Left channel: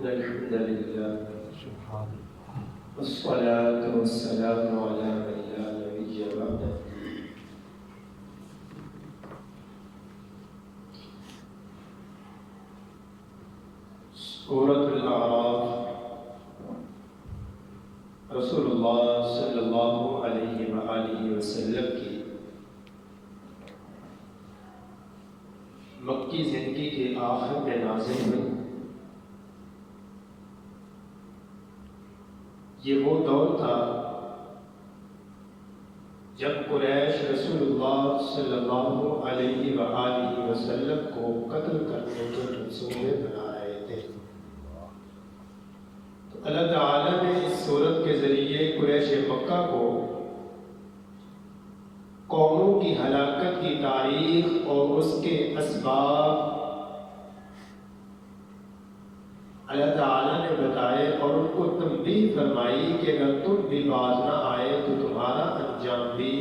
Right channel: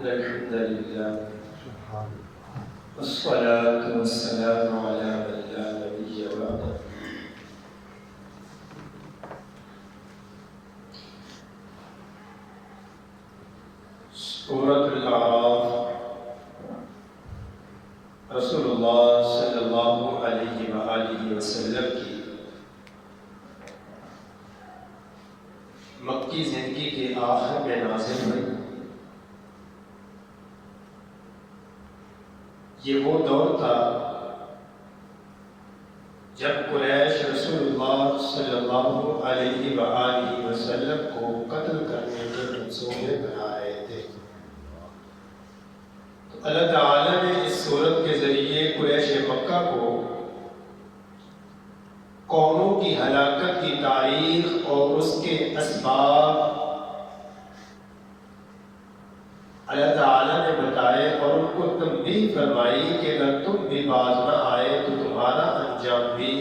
إن الحمد لله والصلاة والسلام على من لا نبي بعده سورة الأعراف رسول اللہ صلی اللہ علیہ وآلہ وسلم کی مکی زندگی کے آخر میں نازل ہوئی۔ یہ وہ دور تھا جب قریش رسول اللہ صلی اللہ علیہ وآلہ وسلم کو قتل کرنے کے منصوبے بنا رہے تھے۔ تو اللہ تعالیٰ نے اس سورت کے ذریعے قریش مکہ کو قوموں کی ہلاکت کی تاریخ اور اس کے اسباب اللہ تعالیٰ نے بتائے اور ان کو تنبیہ فرمائی کہ اگر تم بھی باز نہ آئے تو تمہارا انجام بھی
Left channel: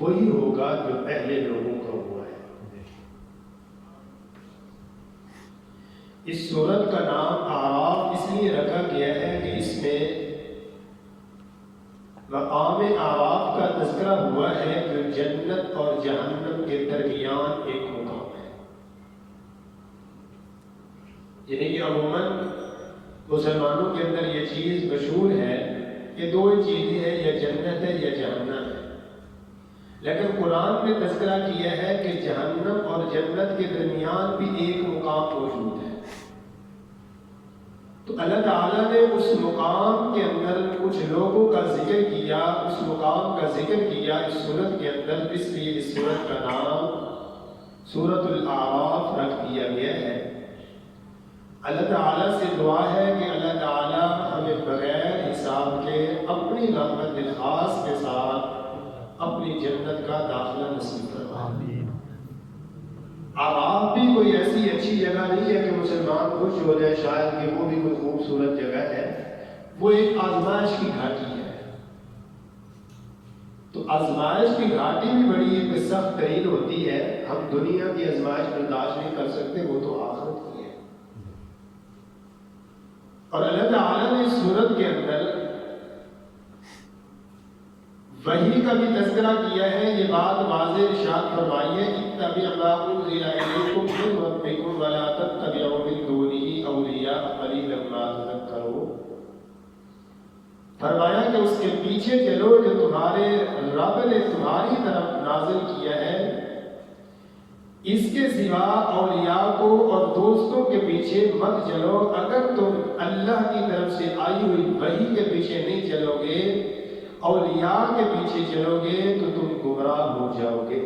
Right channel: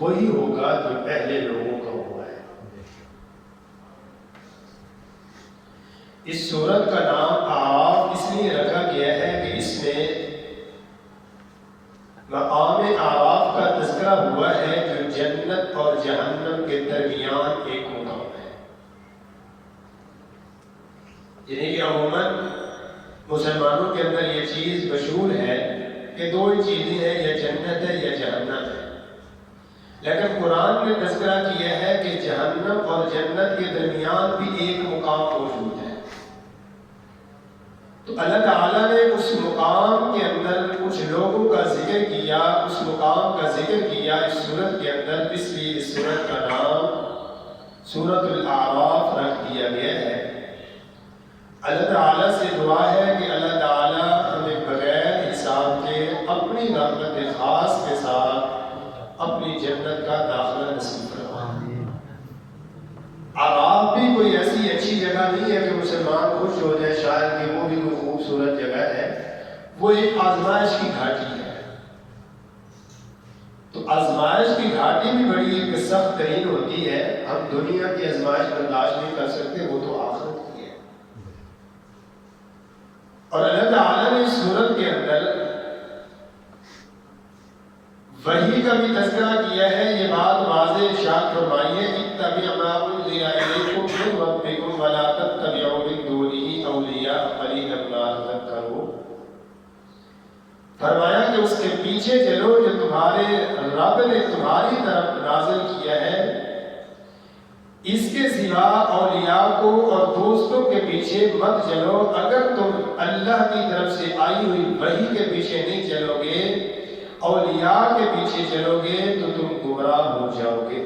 وہی ہوگا جو پہلے لوگوں کا ہوا ہے۔ اس سورت کا نام اعراف اس لیے رکھا گیا ہے کہ اس میں مقام اعراف کا تذکرہ ہوا ہے جو جنت اور جہنم کے درمیان ایک مقام ہے۔ یعنی کہ عموماً مسلمانوں کے اندر یہ چیز مشہور ہے کہ دو ہی چیزیں ہیں، یا جنت ہے یا جہنم ہے، لیکن قرآن نے تذکرہ کیا ہے کہ جہنم اور جنت کے درمیان بھی ایک مقام موجود ہے۔ تو اللہ تعالیٰ نے اس مقام کے اندر کچھ لوگوں کا ذکر کیا، اس مقام کا ذکر کیا اس سورت کے اندر، اس لیے اس سورت کا نام سورۃ الاعراف رکھ دیا گیا ہے۔ اللہ تعالیٰ سے دعا ہے کہ اللہ تعالیٰ ہمیں بغیر حساب کے اپنی رحمت خاص کے ساتھ اپنی جنت کا داخلہ نصیب فرمائے۔ اعراف بھی کوئی ایسی اچھی جگہ نہیں ہے کہ مسلمان خوش ہو جائے شاید کہ وہ بھی کوئی خوبصورت جگہ ہے، وہ ایک آزمائش کی گھاٹی ہے۔ تو آزمائش کی گھاٹی بھی بڑی سخت ترین ہوتی ہے، ہم دنیا کی آزمائش برداشت نہیں کر سکتے، وہ تو آخرت کی ہے۔ اور اللہ تعالیٰ نے اس سورت کے اندر وحی کا بھی تذکرہ کیا ہے۔ یہ بات واضح ارشاد فرمائی ہے، اتبعوا ما انزل الیکم من ربکم ولا تتبعوا من دونہ اولیاء قلیلا ما تذکرون۔ فرمایا کہ اس کے پیچھے چلو جو تمہارے رب نے تمہاری طرف نازل کیا ہے، اس کے سوا اولیاء کو اور دوستوں کے پیچھے مت چلو۔ اگر تم اللہ کی طرف سے آئی ہوئی وحی کے پیچھے نہیں چلو گے، اولیاء کے پیچھے چلو گے تو تم گمراہ ہو جاؤ گے،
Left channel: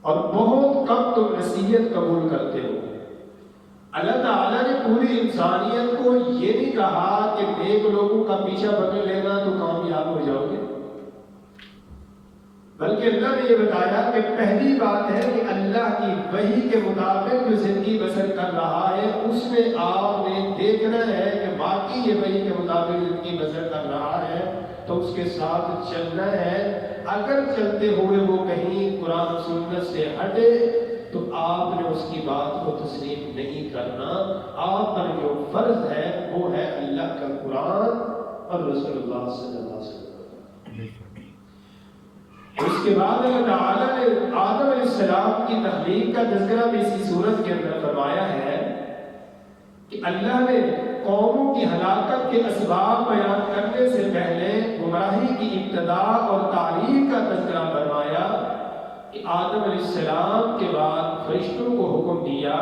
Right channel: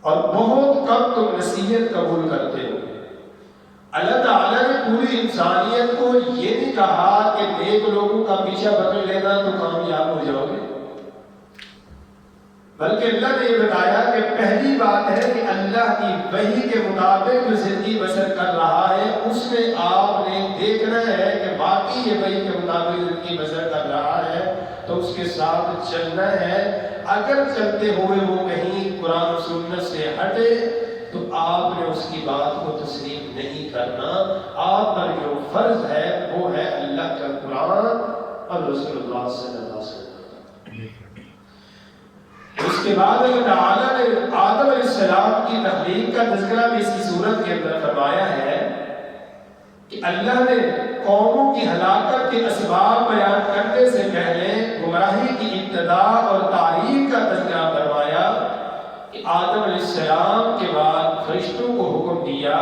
اور بہت کم تم نصیحت قبول کرتے ہو۔ اللہ تعالیٰ نے پوری انسانیت کو یہ نہیں کہا کہ نیک لوگوں کا پیچھا پکڑ لینا تو کامیاب ہو جاؤ گے، بلکہ اللہ نے یہ بتایا کہ پہلی بات ہے کہ اللہ کی وحی کے مطابق جو زندگی بسر کر رہا ہے اس میں آپ نے دیکھنا ہے کہ باقی یہ وحی کے مطابق زندگی بسر کر رہا ہے تو اس کے ساتھ چلنا ہے۔ اگر چلتے ہوئے وہ کہیں قرآن و سنت سے ہٹے تو آپ نے اس کی بات کو تسلیم نہیں کرنا۔ آپ پر جو فرض ہے وہ ہے اللہ کا قرآن اور رسول اللہ صلی اللہ علیہ وسلم۔ اس کے بعد اللہ تعالیٰ نے آدم علیہ السلام کی تخلیق کا تذکرہ بھی اسی صورت کے اندر فرمایا ہے کہ اللہ نے قوموں کی ہلاکت کے اسباب بیان کرنے سے پہلے گمراہی کی ابتدا اور تاریخ کا تذکرہ فرمایا کہ آدم علیہ السلام کے بعد فرشتوں کو حکم دیا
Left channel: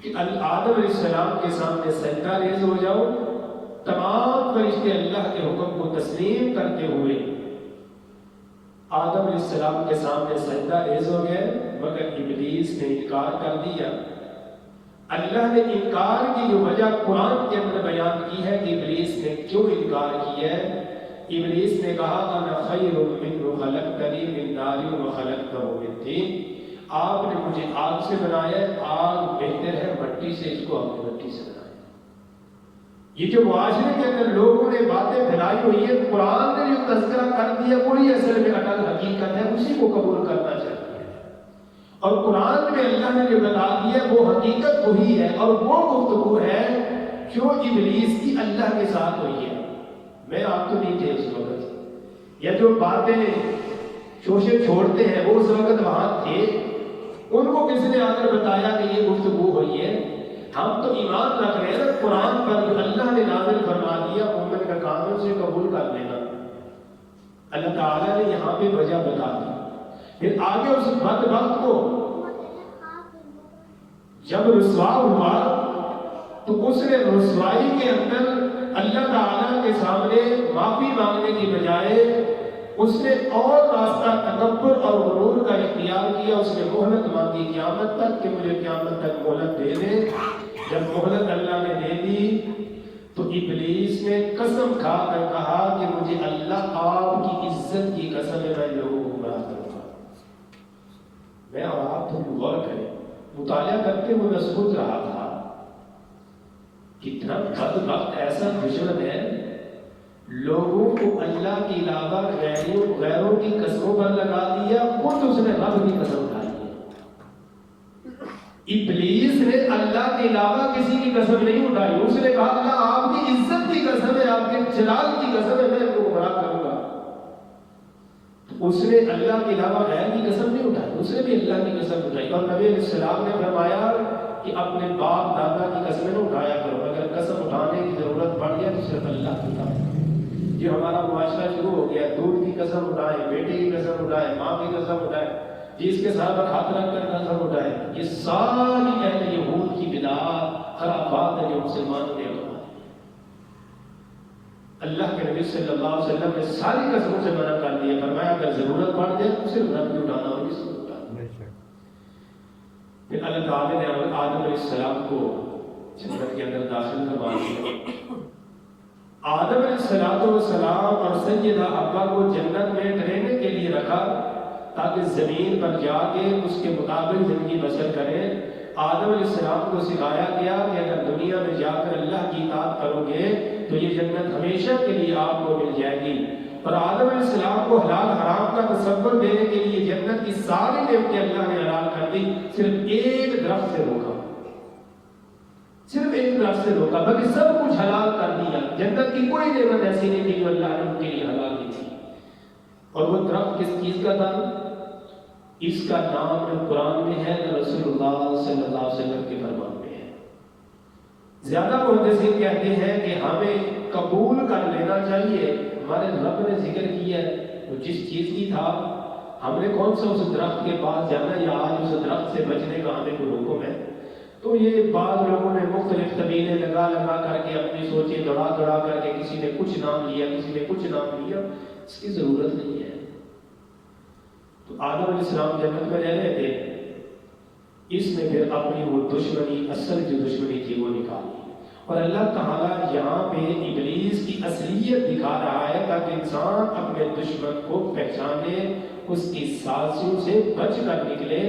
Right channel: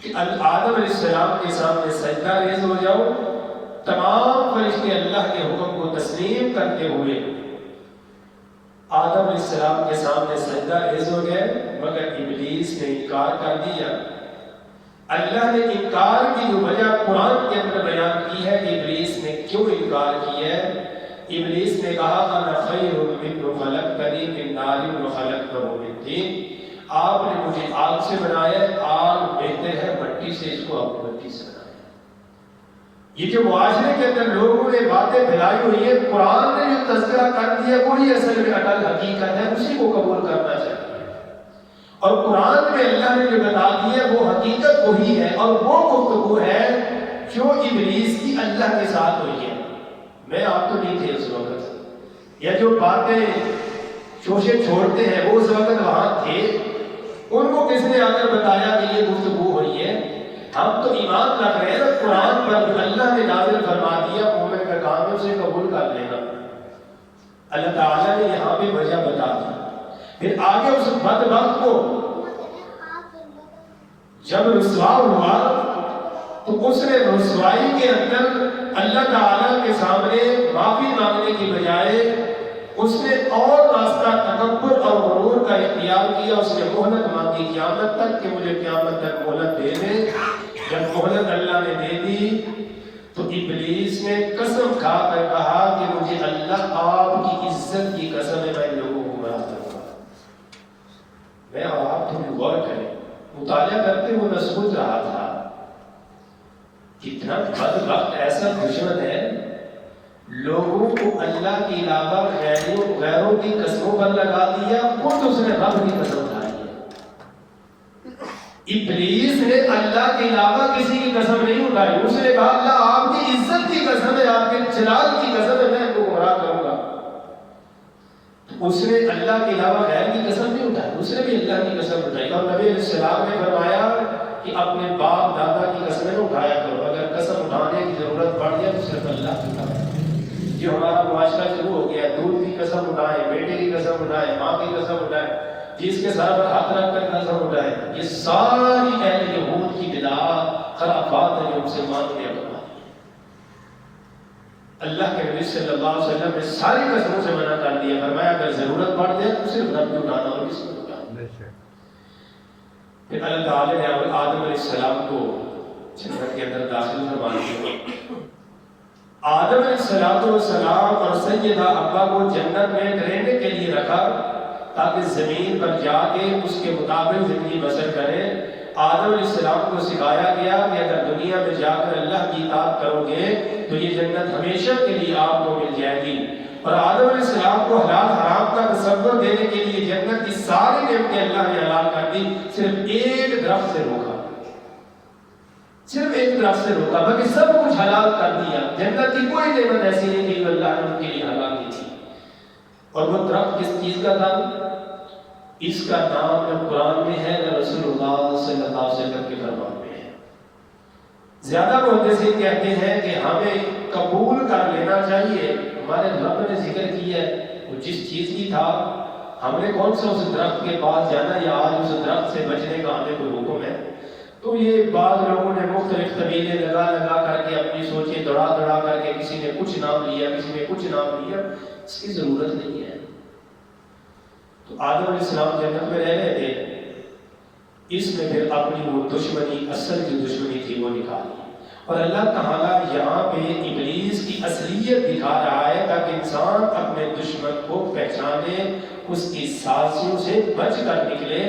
کہ آدم علیہ السلام کے سامنے سجدہ ریز ہو جاؤ۔ تمام فرشتے اللہ کے حکم کو تسلیم کرتے ہوئے آدم علیہ السلام کے سامنے سجدہ ریز ہو گئے، مگر ابلیس نے انکار کر دیا۔ اللہ نے انکار کی جو وجہ قرآن کے اندر بیان کی ہے کہ ابلیس نے کیوں انکار کیا ہے۔ ابلیس نے کہا انا خیر منہ خلقتنی من نار وخلقتہ من طین، آپ نے مجھے آگ سے بنایا، آگ بہتر ہے مٹی سے، اس کو آپ نے مٹی سے بنایا۔ یہ جو معاشرے کے اندر لوگوں نے باتیں پھیلائی ہوئی ہیں، قرآن نے جو تذکرہ کر دیا وہی اصل میں اٹل حقیقت ہے، اسی کو قبول کرنا چاہیے۔ اور قرآن میں اللہ نے جو بتا دیا وہ حقیقت وہی ہے، اور وہ گفتگو ہے جو ابلیس کی اللہ کے ساتھ ہوئی ہے۔ میں آپ تو نہیں تھے اس وقت، یا جو باتیں شوشے چھوڑتے ہیں وہ اس وقت وہاں تھے، ان کو کس نے آ کر بتایا کہ یہ گفتگو ہوئی ہے؟ ہم تو ایمان رکھ رہے ہیں قرآن پر جو اللہ نے نازل فرما دیا، مومن کا کام ہے اسے قبول کر لینا۔ اللہ تعالیٰ نے یہاں پہ وجہ بتا دی، پھر آگے اس بدبخت کو جب رسوا ہوا تو اس نے رسوائی کے اندر اللہ تعالیٰ کے سامنے معافی مانگنے کی بجائے اس نے اور راستہ تکبر اور غرور کا اختیار کیا۔ اس نے مہلت مانگی قیامت تک کہ مجھے قیامت تک مہلت دے دے۔ جب مہلت اللہ نے دے دی تو ابلیس نے قسم کھا کر کہا کہ مجھے اللہ آپ کی عزت کی قسم ہے میں لوگوں کو گمراہ کروں گا۔ میں آپ تھوڑی غور کریں، مطالعہ کرتے ہوئے میں سوچ رہا تھا کتنا بدبخت ایسا دشمن ہے، لوگوں کو اللہ کے علاوہ غیروں کی قسموں پر لگا دیا، خود اس نے رب کی قسم اٹھائی ہے۔ ابلیس نے اللہ کے علاوہ کسی کی قسم نہیں اٹھائی، اس نے کہا اللہ آپ کی عزت کی قسم ہے، آپ کے جلال کی قسم ہے، میں ان کو گمراہ کروں گا۔ اس نے اللہ کے علاوہ غیر کی قسم نہیں اٹھائی، اس نے بھی اللہ کی قسم اٹھائی۔ اور نبی علیہ السلام نے فرمایا کہ اپنے باپ دادا کی قسمیں نہ اٹھایا کرو، اگر قسم اٹھانے کی ضرورت پڑ جائے تو صرف اللہ کی اٹھائے۔ یہ ہمارا معاشرہ شروع ہو گیا، دودھ کی قسم اٹھائیں، بیٹے کی قسم اٹھائیں، ماں کی قسم اٹھائیں، جس کے سر پر ہاتھ رکھ کر قسم اٹھائیں۔ یہ ساری اہل یہود کی بدعات خرافات ہیں جو مسلمان نے اپنائی۔ اللہ کے نبی صلی اللہ علیہ وسلم نے ساری قسموں سے منع کر دیا، فرمایا اگر ضرورت پڑ جائے تو صرف رب کی اٹھانا اور کسی کو اٹھانا۔ پھر اللہ تعالی نے آدم علیہ السلام کو جنت کے اندر داخل فرما دیا۔ آدم علیہ السلام اور سیدہ حوا کو جنت میں رہنے کے لیے رکھا تاکہ زمین پر جا کے اس کے مطابق زندگی بسر کریں۔ آدم علیہ السلام کو سکھایا گیا کہ اگر دنیا میں جا کر اللہ کی اطاعت کرو گے تو یہ جنت ہمیشہ کے لیے آپ کو مل جائے گی۔ اور آدم علیہ السلام کو حلال حرام کا تصور دینے کے لیے جنت کی ساری نعمتیں اللہ نے حلال کر دی، صرف ایک درخت سے روکا، صرف ایک درخت سے روکا، باقی سب کچھ حلال کر دیا۔ جنت کی کوئی نعمت ایسی نہیں تھی جو اللہ نے ان کے لیے حلال کی تھی۔ اور وہ درخت کس چیز کا تھا؟ اس کا نام نہ قرآن میں ہے نہ رسول اللہ صلی اللہ علیہ وسلم کے فرمان میں ہے۔ زیادہ محدثین کہتے ہیں کہ ہمیں قبول کر لینا چاہیے، ہمارے رب نے ذکر کیا ہے، وہ جس چیز کی تھا ہم نے کون سا اس درخت کے پاس جانا یا آج اس درخت سے بچنے کا ہمیں کوئی حکم ہے؟ تو یہ بعض لوگوں نے مختلف طویلے لگا کر کے اپنی سوچیں دوڑا کر کے کسی نے کچھ نام لیا، کسی نے کچھ نام لیا، اس کی ضرورت نہیں ہے۔ تو آدم علیہ السلام جنت میں رہ رہے تھے، اس نے پھر اپنی وہ دشمنی، اصل جو دشمنی تھی وہ نکالی۔ اور اللہ تعالیٰ یہاں پہ ابلیس کی اصلیت دکھا رہا ہے تاکہ انسان اپنے دشمن کو پہچانے، اس کی سازشوں سے بچ کر نکلے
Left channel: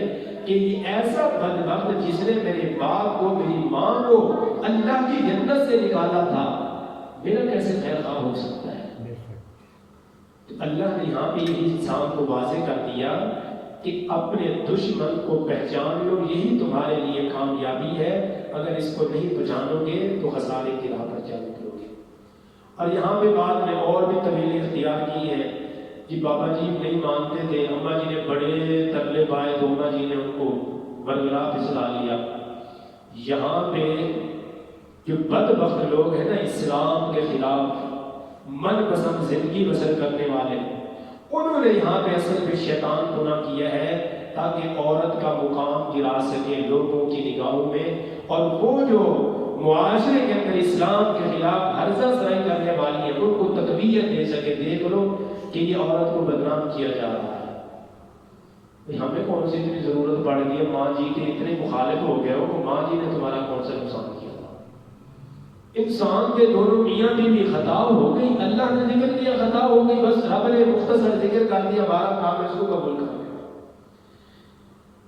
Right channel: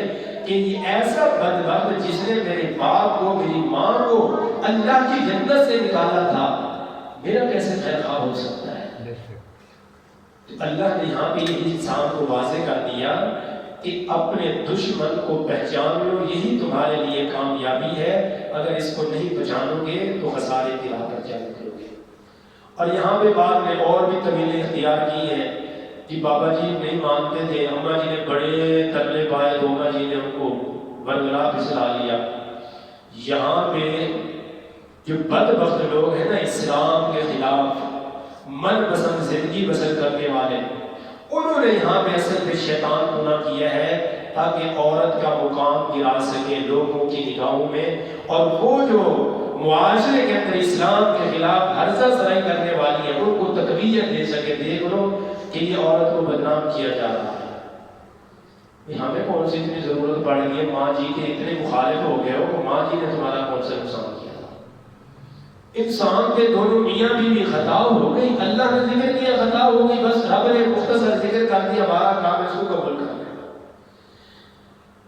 کہ یہ ایسا بدبخت جس نے میرے باپ کو، میری ماں کو اللہ کی جنت سے نکالا تھا، میرا کیسے خیر خواہ ہو سکتا ہے؟ تو اللہ نے یہاں پہ یہ انسان کو واضح کر دیا کہ اپنے دشمن کو پہچان لو، یہی تمہارے لیے کامیابی ہے۔ اگر اس کو نہیں پہچانو گے تو خسارے کی راہ پر چل کرو گے۔ اور یہاں پہ بعد میں اور بھی طویلیں اختیار کی ہیں کہ بابا جی نہیں مانتے تھے، اماں جی نے بڑے ترلے پائے تو اماں جی نے ان کو برگلا پھسلا لیا۔ یہاں پہ جو بدبخت لوگ ہیں نا اسلام کے خلاف من پسند زندگی بسر کرنے والے، انہوں نے یہاں پہ اصل پہ شیطان گناہ کیا ہے تاکہ عورت کا مقام گرا سکے لوگوں کی نگاہوں میں، اور وہ جو معاشرے کے اندر اسلام کے خلاف ہرزہ سرائی کرنے والی ہیں ان کو تقویت دے سکے۔ دیکھ لو کہ یہ عورت کو بدنام کیا جا رہا ہے، ہمیں کون سی اتنی ضرورت پڑ گئی ہے؟ ماں جی کے اتنے مخالف ہو گئے ہو کہ ماں جی نے تمہارا کون سا نقصان کیا؟ انسان کے دونوں میاں بیوی خطا ہو گئی، اللہ نے ذکر کیا خطا ہو گئی، بس رب نے مختصر ذکر کر دیا، ہمارا کام ہے اس کو قبول کرنا۔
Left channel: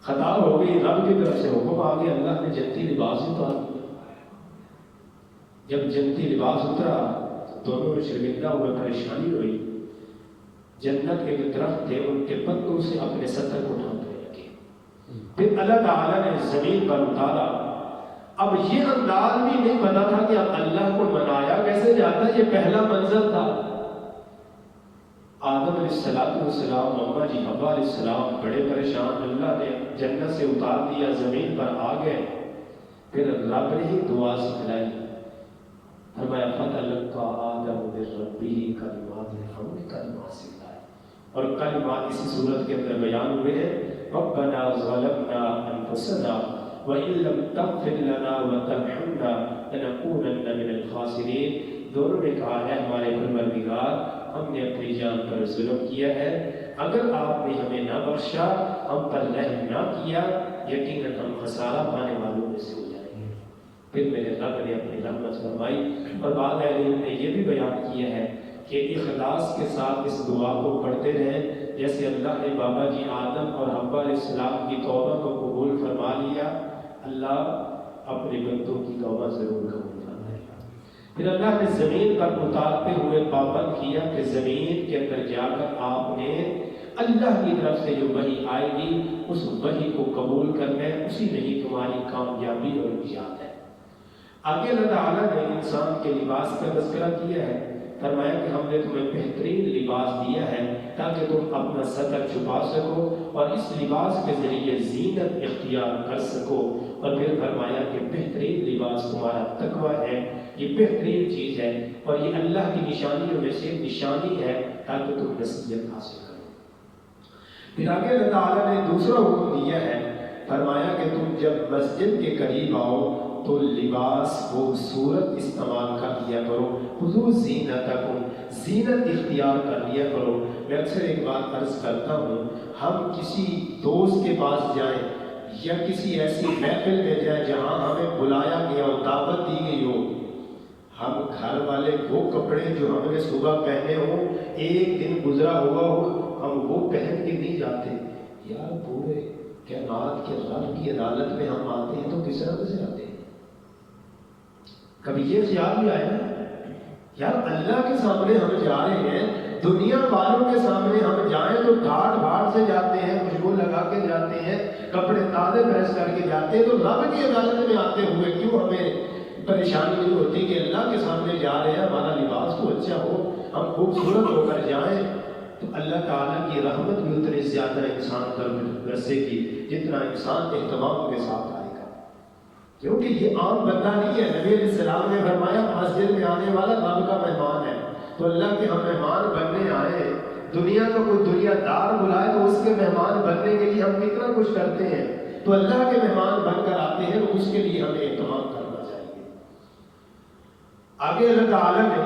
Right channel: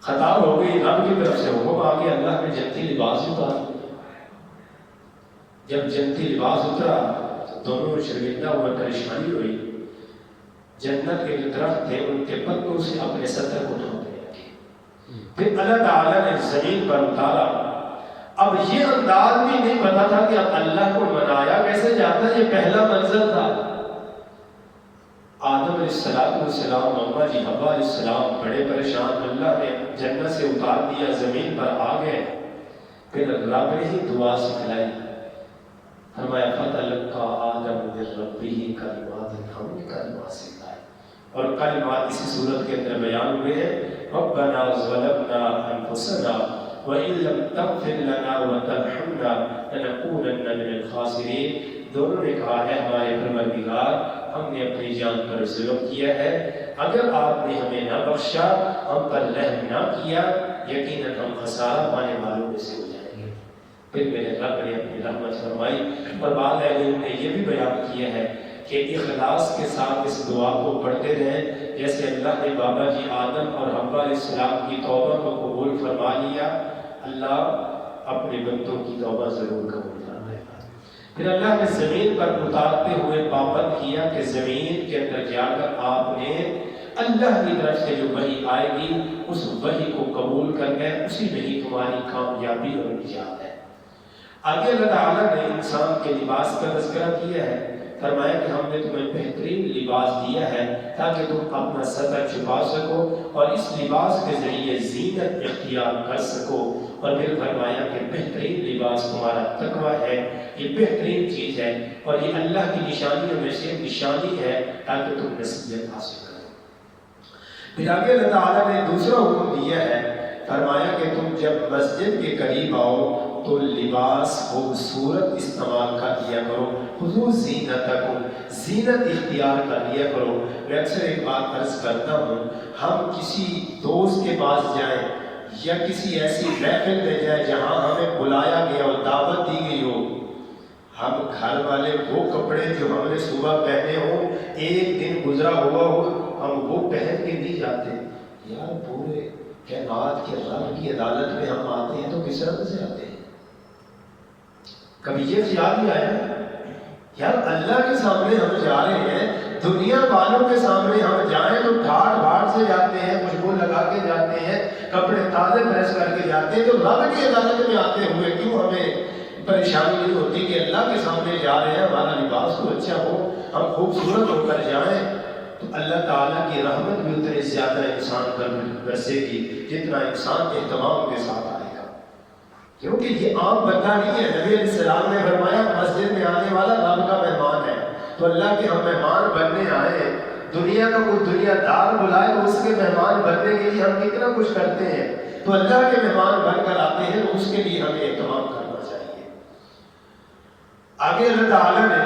خطا ہو گئی، رب کی طرف سے حکم آ گیا، اللہ نے جنتی لباس اتار دیا۔ جب جنتی لباس اترا دونوں میں شرمندہ ہوئے، پریشانی ہوئی۔ جنت کے جو درخت تھے ان کے پتوں سے اپنے سطر کو ڈھانپنے لگے پھر اللہ تعالیٰ نے زمین پر اتارا. اب یہ انداز بھی نہیں پتا تھا کہ اب اللہ کو منایا کیسے جاتا ہے. یہ پہلا منظر تھا. آدم علیہ السلام محمد جی حوا علیہ السلام بڑے پریشان. اللہ نے جنت سے اتار دیا, زمین پر آ گئے. پھر رب نے ہی دعا سکھلائی. فرمایا فتلقى آدم من ربه کلمات, ہم نے کلمات سکھلائے. اور کلمات اسی صورت کے اندر بیان ہوئے ہیں. ربنا ظلمنا انفسنا وان لم تغفر لنا وترحمنا لنكونن من الخاسرین. دونوں نے کہا ہے ہمارے پروردگار ہم نے اپنی جان پر ظلم کیا ہے, اگر آپ نے ہمیں نہ بخشا, ہم پر رحم نہ کیا, یقیناً ہم خسارہ پانے والوں میں سے ہو جائیں گے. پھر میرے رب نے اپنی رحمت فرمائی. اور بعض علماء نے یہ بھی بیان کیا ہے کہ اخلاص کے ساتھ اس دعا کو پڑھتے رہیں. جیسے اللہ نے بابا جی آدم اور حوا علیہ السلام کی توبہ کو قبول فرما لیا, اللہ اپنے بندوں کی توبہ ضرور قبول فرمائے گا. پھر اللہ نے زمین پر اتارتے ہوئے پابند کیا کہ زمین کے اندر جا کر آپ نے اللہ کی طرف سے جو وحی آئے گی اس وحی کو قبول کر کے اسی میں ہی تمہاری کامیابی اور نجات ہے. آگے اللہ تعالیٰ نے انسان کے لباس کا تذکرہ کیا ہے. فرمایا کہ ہم نے تمہیں بہترین لباس دیا ہے تاکہ تم اپنا سطر چھپا سکو اور اس لباس کے ذریعے زینت اختیار کر سکو. اور پھر فرمایا کہ بہترین لباس تمہارا تقویٰ ہے, یہ بہترین چیز ہے اور یہ اللہ کی نشانیوں میں سے نشانی ہے تاکہ تم نصیحت حاصل کرو. پھر آگے اللہ تعالیٰ نے دوسرا حکم دیا ہے. فرمایا کہ تم جب مسجد کے قریب آؤ تو لباس خوبصورت استعمال کر لیا کرو. حضور زینتکم, زینت اختیار کر لیا کرو. میں اکثر ایک بات عرض کرتا ہوں, ہم کسی دوست کے پاس جائیں یا کسی ایسی محفل میں جائیں جہاں ہمیں بلایا گیا ہو, دعوت دی گئی ہو, ہم گھر والے وہ کپڑے جو ہم نے صبح پہنے ہوں, ایک دن گزرا ہوا ہو, ہم وہ پہن کے نہیں جاتے. یار پورے کائنات کے رب کی عدالت میں ہم آتے ہیں تو کس طرح سے آتے ہیں؟ کبھی یہ خیال بھی آیا یار اللہ کے سامنے ہم جا رہے ہیں, دنیا والوں کے سامنے ہم جائیں تو ٹھاٹ بھاٹ سے جاتے ہیں, خوشبو لگا کے جاتے ہیں, کپڑے تازے پریس کر کے جاتے ہیں, تو رب کی عدالت میں آتے ہوئے کیوں ہمیں پریشانی نہیں ہوتی کہ اللہ کے سامنے جا رہے ہیں, ہمارا لباس تو اچھا ہو, ہم خوبصورت ہو کر جائیں. تو اللہ تعالیٰ کی رحمت بھی اتنی زیادہ انسان پر برسے گی جتنا انسان اہتمام کے ساتھ آئے گا, کیونکہ یہ عام بندہ نہیں ہے. نبی علیہ السلام نے فرمایا مسجد میں آنے والا رب کا مہمان ہے. تو اللہ کے ہم مہمان بننے آئے, دنیا کا کوئی دنیا دار بلائے تو اس کے مہمان بننے کے لیے ہم کتنا کچھ کرتے ہیں. تو اللہ کے مہمان بن کر آتے ہیں تو اس کے لیے ہمیں اہتمام کرنا چاہیے. آگے اللہ تعالیٰ نے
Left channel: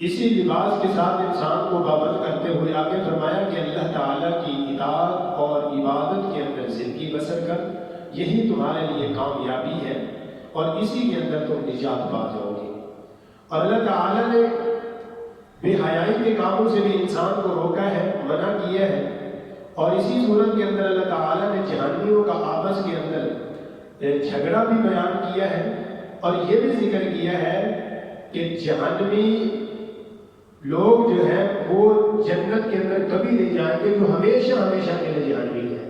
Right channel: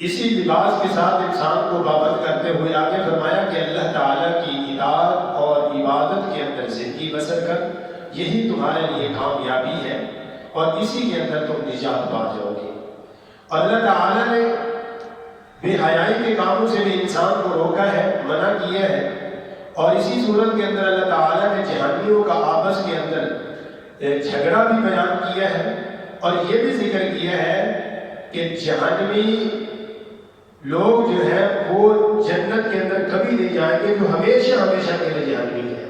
اسی لباس کے ساتھ انسان کو پابند کرتے ہوئے آگے فرمایا کہ اللہ تعالیٰ کی اطاعت اور عبادت کے اندر زندگی بسر کر, یہی تمہارے لیے کامیابی ہے اور اسی کے اندر تم نجات پا جاؤ گے. اور اللہ تعالیٰ نے بے حیائی کے کاموں سے بھی انسان کو روکا ہے, منع کیا ہے. اور اسی صورت کے اندر اللہ تعالیٰ نے جہانیوں کا آپس کے اندر جھگڑا بھی بیان کیا ہے اور یہ بھی ذکر کیا ہے کہ جہنمی لوگ جو ہے وہ جنت کے اندر کبھی نہیں جائیں گے, جو ہمیشہ ہمیشہ کے لیے جہنمی ہے.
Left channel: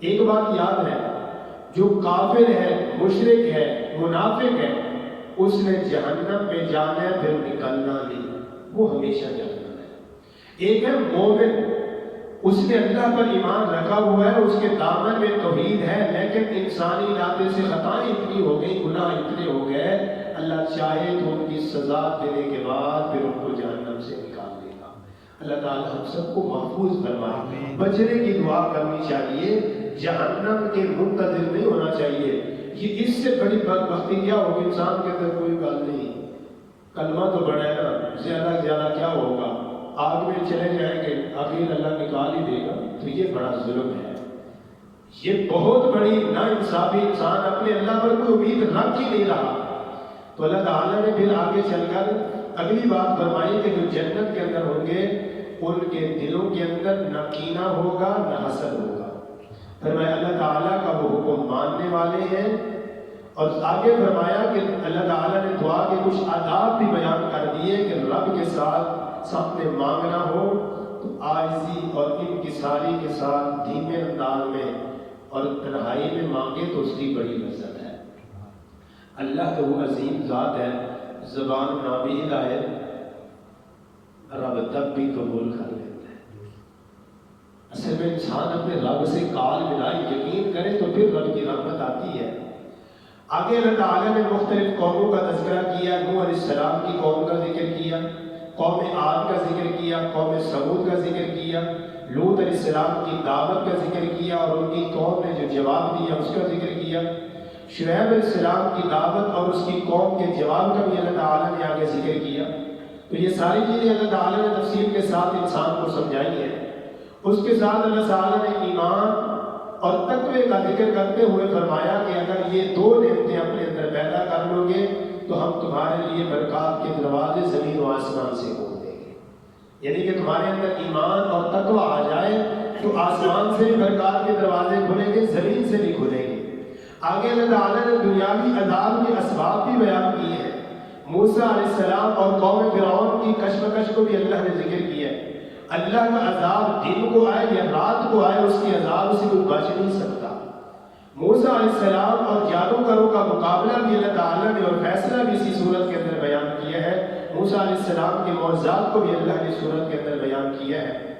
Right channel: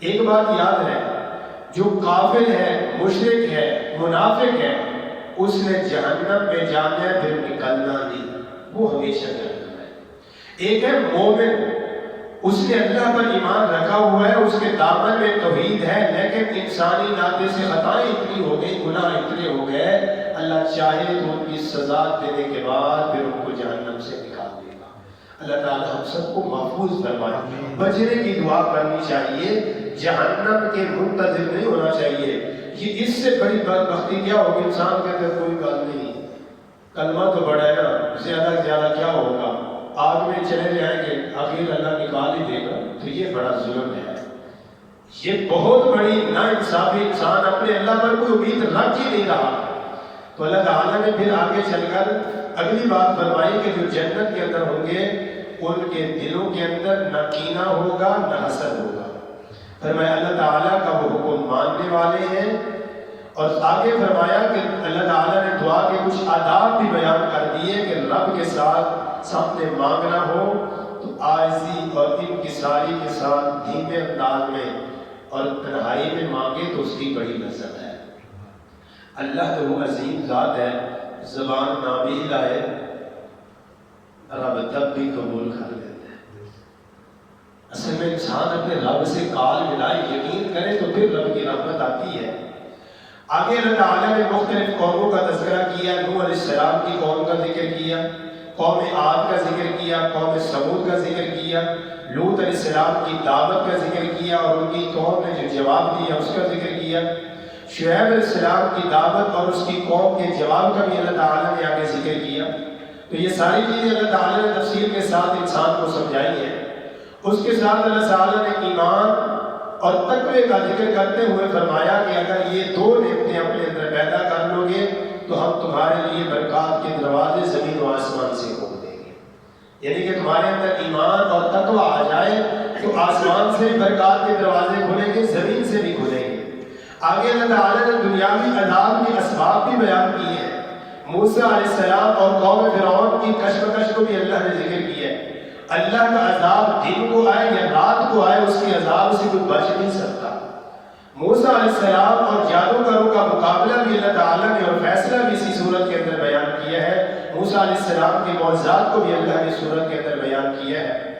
ایک بات یاد ہے, جو کافر ہے, مشرک ہے, منافق ہے, اس نے جہنم میں جانا ہے پھر نکلنا نہیں, وہ ہمیشہ جہنم ہے. ایک ہے مومن, اس نے اللہ پر ایمان رکھا ہوا ہے, اس کے دامن میں توحید ہے, لیکن انسانی ناطے سے خطائیں اتنی ہو گئی, گناہ اتنے ہو گئے, اللہ چاہے تو ان کی سزا دینے کے بعد پھر ان کو جہنم سے نکال دے گا. اللہ تعالیٰ ہم سب کو محفوظ فرمائے. بچنے کی دعا کرنی چاہیے, جہنم کے منتظر نہیں ہونا چاہیے. یہ اس سے بڑی بدبختی کیا ہوگی انسان کے اندر, کوئی بات نہیں, کلمہ تو بڑا ہے نا, زیادہ سے زیادہ کیا ہوگا, آگ میں چلے جائیں گے, آخر اللہ نکال ہی دے گا. تو یہ بڑا ظلم ہے, یہ بہت بڑی ناانصافی. انسان اپنے اللہ پر کوئی امید رکھ ہی نہیں رہا. تو اللہ تعالیٰ نے پھر آگے چل کر اگلی بات فرمائی کہ جو جنت کے اندر ہوں گے ان کے دلوں کے اندر نہ کینہ ہوگا نہ حسد ہوگا. فرمایا اللہ تعالیٰ کا وہ حکم ماننے والے ہیں. اور آگے فرمایا کہ اللہ تعالیٰ نے دعا کے کچھ آداب بھی بیان کر دیے کہ رب کے ساتھ سب نے مانگنا ہو تو عاجزی اور انکساری کے ساتھ دھیمے انداز میں اور تنہائی میں مانگے تو اس کی بڑی لذت ہے۔ اللہ تو وہ عظیم ذات ہے، زبان نہ بھی ہلائے رب تب بھی قبول کر لیتے ہیں۔ اصل میں انسان اپنے رب سے کال ملائے، یقین کرے تو پھر رب کی رحمت آتی ہے۔ آگے اللہ تعالیٰ نے مختلف قوموں کا تذکرہ کیا، نوح علیہ السلام کی قوم کا ذکر کیا، قوم عاد کا ذکر کیا، قوم سمود کا ذکر کیا، لوط علیہ السلام کی دعوت کا ذکر کیا اور ان کی قوم نے جو جواب دیا اس کا ذکر کیا، شعیب علیہ السلام کی دعوت اور اس کی قوم کے جواب کا بھی اللہ تعالیٰ نے آگے ذکر کیا۔ تو یہ ساری چیزیں اللہ تعالیٰ نے تفصیل کے ساتھ انسان کو سمجھائی ہیں۔ اس کے ساتھ اللہ تعالیٰ نے ایمان اور تقوی کا ذکر کرتے ہوئے فرمایا کہ اگر یہ دو نعمتیں اپنے اندر پیدا کر لو گے تو ہم تمہارے لیے برکات کے دروازے زمین و آسمان سے کھول دیں گے۔ یعنی کہ تمہارے اندر ایمان اور تقوی آ جائے تو آسمان سے بھی برکات کے دروازے کھلیں گے، زمین سے بھی کھلیں گے۔ آگے اللہ تعالیٰ نے دنیاوی عذاب کے اسباب بھی بیان کیے ہیں۔ موسیٰ علیہ السلام اور قوم فرعون کی کشمکش کو بھی اللہ نے ذکر کیا ہے۔ اللہ کا عذاب دن کو آئے یا رات کو آئے، اس کے عذاب سے کوئی بچ نہیں سکتا۔ موسیٰ علیہ السلام اور جادوگروں کا مقابلہ بھی اللہ تعالیٰ نے اور فیصلہ بھی اسی صورت کے اندر بیان کیا ہے۔ موسیٰ علیہ السلام کے معجزات کو بھی اللہ نے صورت کے اندر بیان کیا ہے،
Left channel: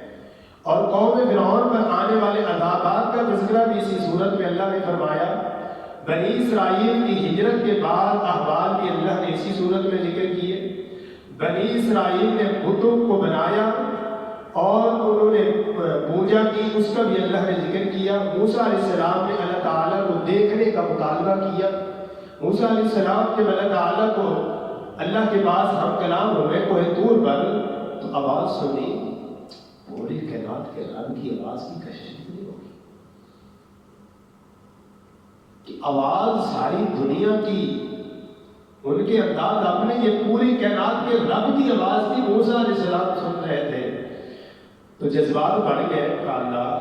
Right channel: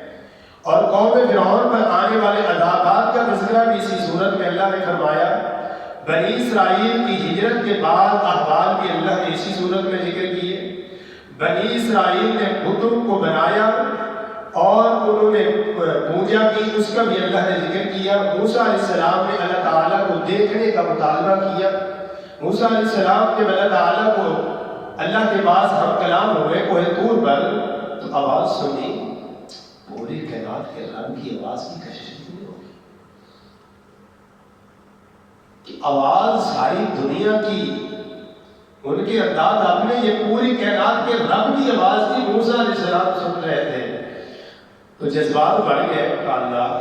اور قوم فرعون پر آنے والے عذابات کا تذکرہ بھی اسی صورت میں اللہ نے فرمایا۔ بنی اسرائیل کی ہجرت کے بعد احوال بھی اللہ نے اسی صورت میں ذکر کیے۔ بنی اسرائیل نے بتوں کو بنایا اور انہوں نے پوجا کی، اس کا بھی اللہ نے ذکر کیا۔ موسیٰ علیہ السلام نے اللہ تعالیٰ کو دیکھنے کا مطالبہ کیا۔ موسیٰ علیہ السلام کے اللہ تعالیٰ کو اللہ کے پاس ہم کلام ہوئے کوہ طور پر، تو آواز سنی، پوری کائنات کے رب کی آواز کی کشش نہیں ہوگی کہ آواز ساری دنیا کی، ان کے انداز اپنے، یہ پوری کائنات کے رب کی آواز تھی، موسیٰ علیہ السلام سن رہے تھے۔ تو جذبات بڑھ گئے، اللہ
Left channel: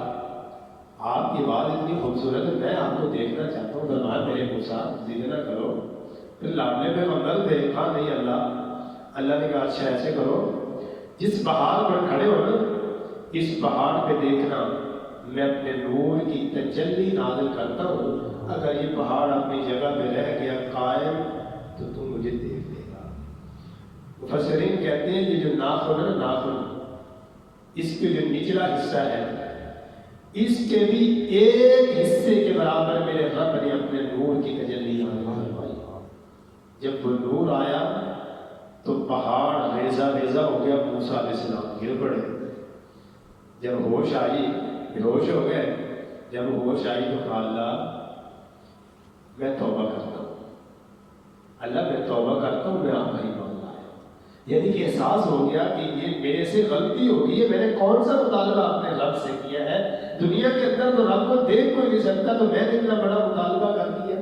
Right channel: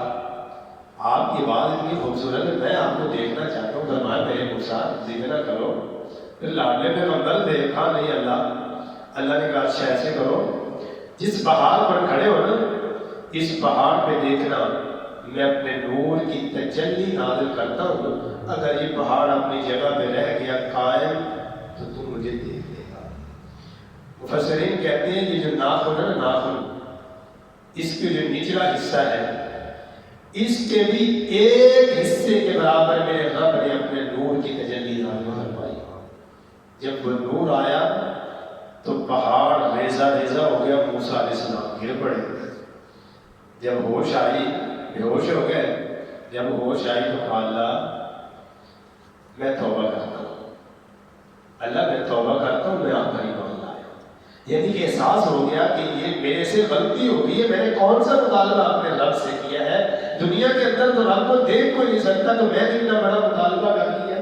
آپ کی بات اتنی خوبصورت ہے، میں آپ کو دیکھنا چاہتا ہوں، فرمایا میرے موسیٰ ضد نہ کرو۔ پھر لاڈلے پیغمبر تھے، کہا نہیں اللہ نے کہا اچھا ایسے کرو، جس پہاڑ پر کھڑے ہو نا، اس پہاڑ پہ دیکھنا میں اپنے نور کی تجلی نازل کرتا ہوں، اگر یہ پہاڑ اپنی جگہ پہ رہ گیا قائم تو تم مجھے دیکھ لے گا۔ مفسرین کہتے ہیں یہ جو ناخن ہے نا، ناخن، اس کے جو نچلا حصہ ہے، اس کے بھی ایک حصے کے برابر میرے رب نے اپنے نور کی تجلی نازل فرمائی۔ جب وہ نور آیا تو پہاڑ ریزہ ریزہ ہو گیا، موسیٰ علیہ السلام گر پڑے۔ جب ہوش آئی، بے ہوش ہو گئے، جب ہوش آئی تو کہا اللہ میں توبہ کرتا ہوں، اللہ میں توبہ کرتا ہوں، میں آپ کا ایمان لایا۔ یعنی کہ احساس ہو گیا کہ یہ میرے سے غلطی ہو گئی ہے، میں نے کون سا مطالبہ اپنے رب سے کیا ہے، دنیا کے اندر تو رب کو دیکھ کوئی نہیں سکتا، تو میں نے اتنا بڑا مطالبہ کر لیا۔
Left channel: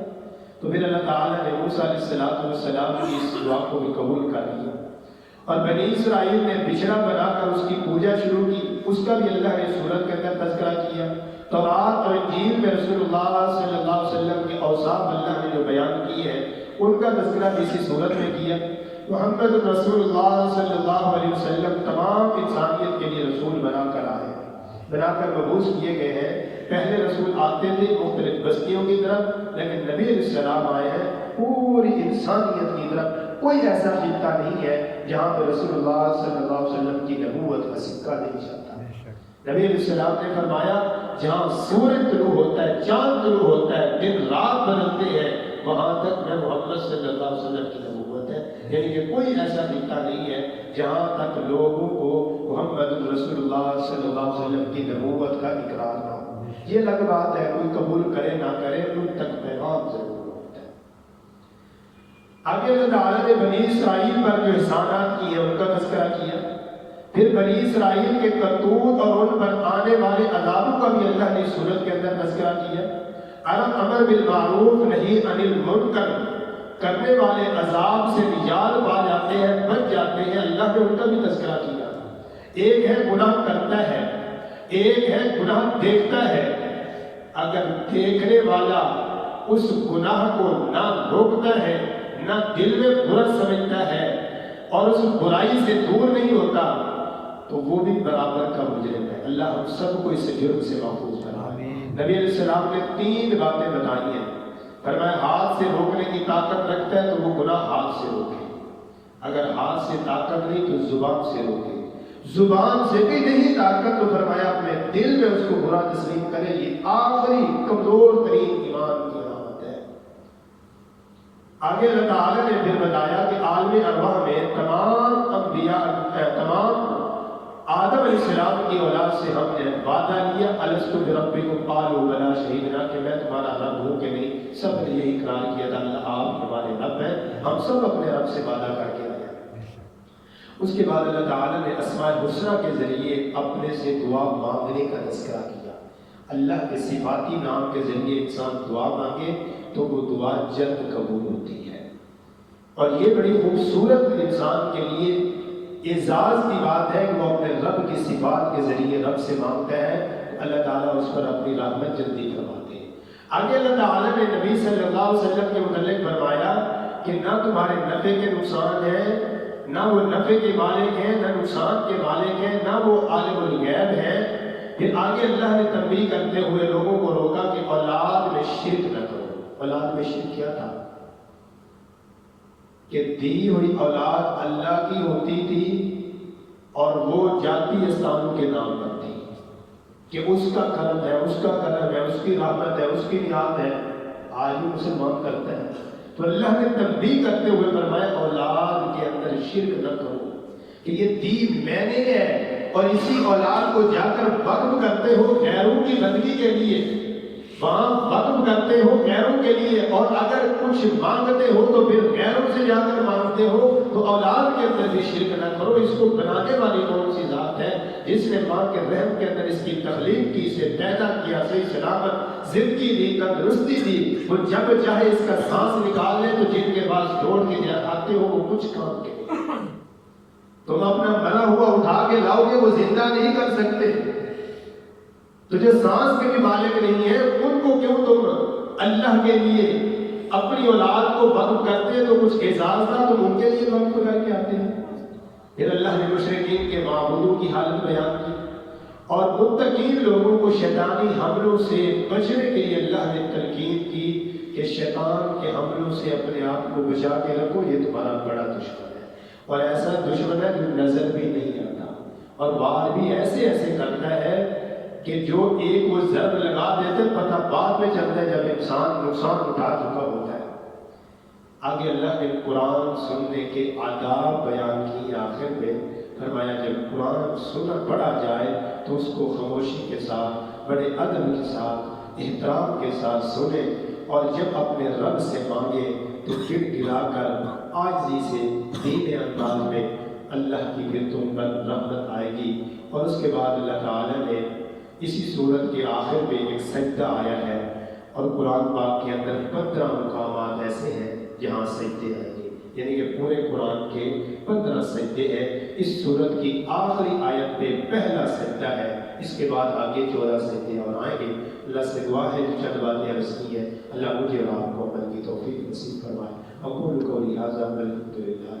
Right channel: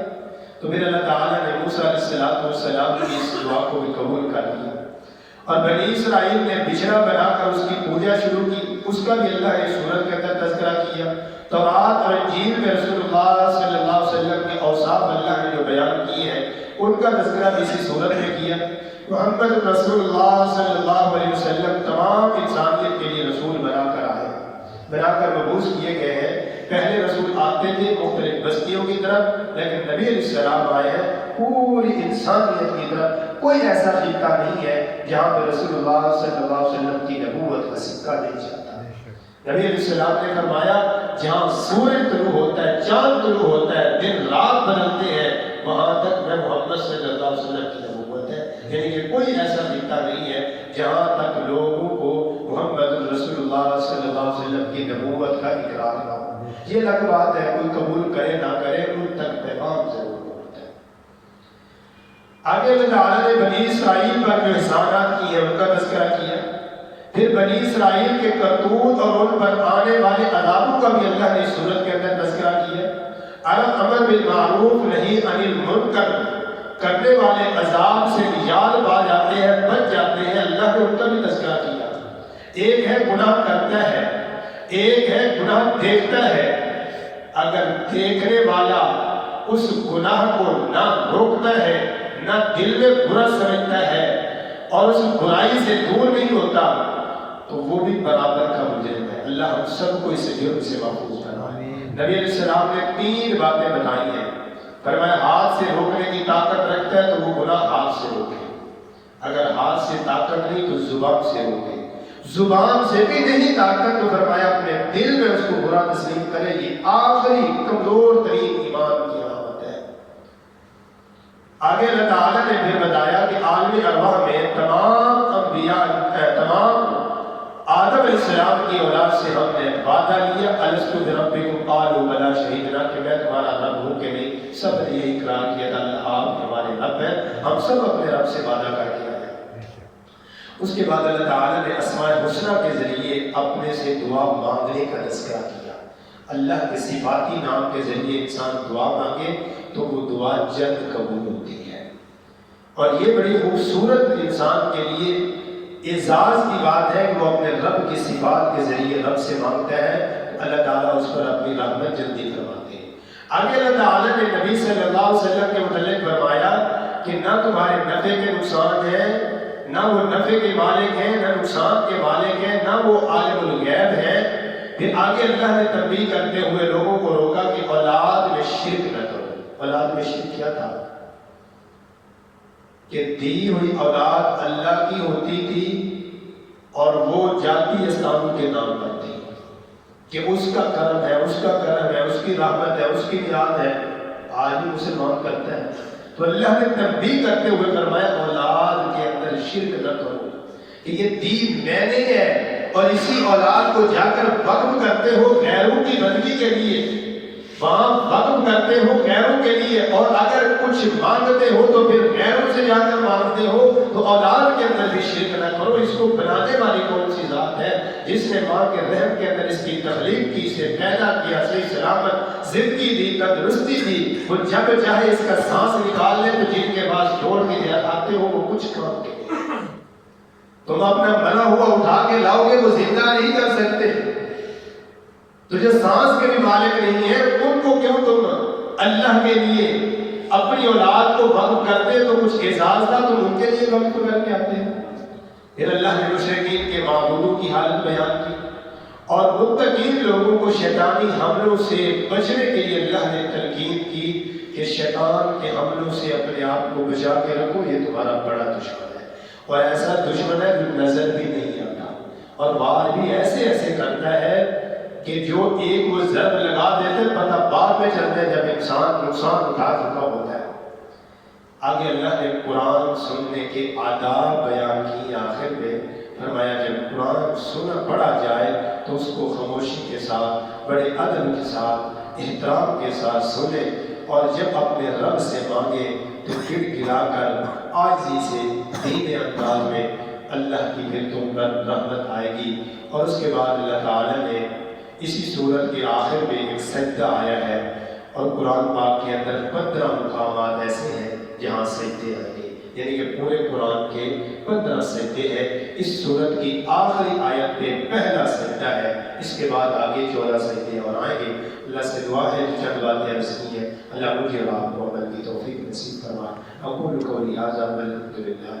تو پھر اللہ تعالیٰ نے موسیٰ علیہ السلام کی اس دعا کو بھی قبول کر لیا، اور بنی اسرائیل نے بچھڑا بنا کر اس کی پوجا شروع کی، اس کا بھی اللہ نے سورت کے اندر تذکرہ کیا۔ تورات اور انجیل میں رسول اللہ صلی اللہ علیہ وسلم کے اوصاف اللہ نے جو بیان کیے ہیں ان کا تذکرہ بھی اسی صورت میں کیا۔ محمد رسول اللہ صلی اللہ علیہ وسلم تمام انسانیت کے لیے رسول بنا کر مبعوث کیے گئے ہیں۔ پہلے رسول آتے تھے مختلف بستیوں کی طرف، لیکن نبی علیہ السلام آئے ہیں پوری انسانیت کی طرف۔ کوئی ایسا خطہ نہیں ہے جہاں پہ رسول اللہ صلی اللہ علیہ وسلم کی نبوت کا سکہ نہیں چلتا۔ نبی علیہ السلام نے فرمایا جہاں سورج طلوع ہوتا ہے، چاند طلوع ہوتا ہے، دن رات بدلتے ہیں، وہاں تک میں محمد صلی اللہ علیہ وسلم کی نبوت ہے۔ یعنی کہ کوئی ایسا خطہ نہیں ہے جہاں تک لوگوں کو محمد رسول اللہ صلی اللہ علیہ وسلم کی نبوت کا اقرار نہ ہو۔ یہ الگ بات ہے، کوئی قبول کرے نہ کرے، ان تک پیغام ضرور ہوتا ہے۔ آگے اللہ تعالیٰ نے بنی اسرائیل پر جو احسانات کیے ان کا تذکرہ کیا، پھر بنی اسرائیل کے کرتوت اور ان پر آنے والے عذابوں کا بھی اللہ نے سورت کے اندر تذکرہ کیا۔ امر بالمعروف نہی عن المنکر کرنے والے عذاب سے نجات پا جاتے ہیں، بچ جاتے ہیں، اللہ نے ان کا بھی تذکرہ کیا۔ ایک ہے گناہ کرتا ہے، ایک ہے گناہ دیکھتا ہے، اگر دیکھنے والا اس گناہ کو نہ روکتا ہے، نہ دل میں برا سمجھتا ہے اور اس برائی سے دور نہیں ہوتا تو وہ بھی برابر کا مجرم ہے۔ اللہ ہم سب کو اس جرم سے محفوظ کرائے۔ نبی علیہ السلام نے 3 باتیں بتائی ہیں. فرمایا ہاتھ سے روکنے کی طاقت رکھتا ہے تو وہ گناہ ہاتھ سے روکے، اگر ہاتھ سے طاقت نہیں تو زبان سے روکے، زبان سے بھی نہیں طاقت تو فرمایا اپنے دل میں اس کو برا تسلیم کرے. یہ آخری کمزور ترین ایمان کی علامت ہے. آگے اللہ تعالیٰ نے پھر بتایا کہ عالم ارواح میں تمام انبیاء، تمام آدم علیہ السلام کی اولاد سے ہم نے وعدہ لیا الستو بربکم قالوا بلی شہدنا کہ میں تمہارا رب ہوں کہ نہیں. سب نے یہ اقرار کیا تھا اللہ آپ ہمارے رب ہیں، ہم سب اپنے رب سے وعدہ کر کے آئے. اس کے بعد اللہ تعالیٰ نے اسماء الحسنیٰ کے ذریعے اپنے سے دعا مانگنے کا تذکرہ کیا. اللہ کے صفاتی نام کے ذریعے انسان دعا مانگے تو وہ دعا جلد قبول ہوتی ہے. اور یہ بڑی خوبصورت انسان کے لیے اعزاز کی بات ہے کہ وہ اپنے رب کی صفات کے ذریعے رب سے مانگتا ہے، اللہ تعالیٰ اس پر اپنی رحمت جلدی فرماتے ہیں. آگے اللہ تعالیٰ نے نبی صلی اللہ علیہ وسلم کے متعلق فرمایا کہ نہ تمہارے نفع کے نقصان ہیں، نہ وہ نفع کے مالک ہیں، نہ نقصان کے مالک ہیں، نہ وہ عالم الغیب ہیں. پھر آگے اللہ نے تنبیہ کرتے ہوئے لوگوں کو روکا کہ اولاد میں شرک نہ کرو. اولاد میں شرک کیا تھا کہ دی ہوئی اولاد اللہ کی ہوتی تھی اور وہ جاتی استانوں کے نام پر تھی کہ اس کا کرم ہے، اس کا کرم ہے، اس کی رحمت ہے، اس کی یاد ہے. آج بھی مسلمان کرتا ہے. تو اللہ نے تنبیہ کرتے ہوئے فرمایا اولاد کے اندر شرک نہ کرو کہ یہ دین میں نے ہے، اور اسی اولاد کو جا کر وقف کرتے ہو غیروں کی بندگی کے لیے، وہاں وقف کرتے ہو غیروں کے لیے، اور اگر کچھ مانگتے ہو تو پھر غیروں سے جا کر مانگتے ہو. تو اولاد کے اندر بھی شرک نہ کرو. اس کو بنانے والی کون سی ذات ہے جس نے ماں کے رحم کے اندر اس کی تخلیق کی، اسے پیدا کیا، صحیح سلامت زندگی دی، تندرستی دی. وہ جب چاہے اس کا سانس نکال لے تو جن کے پاس چھوڑ کے آتے ہو وہ کچھ کام کے نہیں. تم اپنا بنا ہوا اٹھا کے لاؤ گے وہ زندہ نہیں کر سکتے. تو جو سانس کے بھی مالک نہیں ہے ان کو کیوں تم اللہ کے لیے اپنی اولاد کو وقف کرتے؟ تو کچھ اعزاز تھا تم ان کے لیے وقف کر کے آتے ہیں. پھر اللہ نے مشرکین کے معبودوں کی حالت بیان کی اور متقین لوگوں کو شیطانی حملوں سے بچنے کے لیے اللہ نے تلقین کی کہ شیطان کے حملوں سے اپنے آپ کو بچا کے رکھو، یہ تمہارا بڑا دشمن ہے. اور ایسا دشمن ہے جو نظر بھی نہیں آتا اور وار بھی ایسے ایسے کرتا ہے کہ جو ایک وہ ضرب لگا دیتے پتہ بعد میں چلتے ہیں جب انسان نقصان اٹھا چکا ہوتا ہے. آگے اللہ نے قرآن سننے کے آداب بیان کی. آخر میں فرمایا جب قرآن سنا پڑھا جائے تو اس کو خاموشی کے ساتھ، بڑے ادب کے ساتھ، احترام کے ساتھ سنے، اور جب اپنے رب سے مانگے تو گر گرا کر عاجزی سے دھیمے انداز میں اللہ کی پھر تم پر رحمت آئے گی. اور اس کے بعد اللہ تعالیٰ نے اسی سورت کے آخر میں ایک سجدہ آیا ہے، اور قرآن پاک کے اندر 15 مقامات ایسے ہیں جہاں سجدے آئیں گے، یعنی کہ پورے قرآن کے 15 سجدے ہیں. اس سورت کی آخری آیت پہ پہلا سجدہ ہے، اس کے بعد آگے 14 سجدے اور آئیں گے. اللہ سے دعا ہے جو چند باتیں عرض کی ہیں اللہ مجھے اور آپ کو عمل کی توفیق نصیب فرمائے. اقول قولی ھذا والحمد للہ.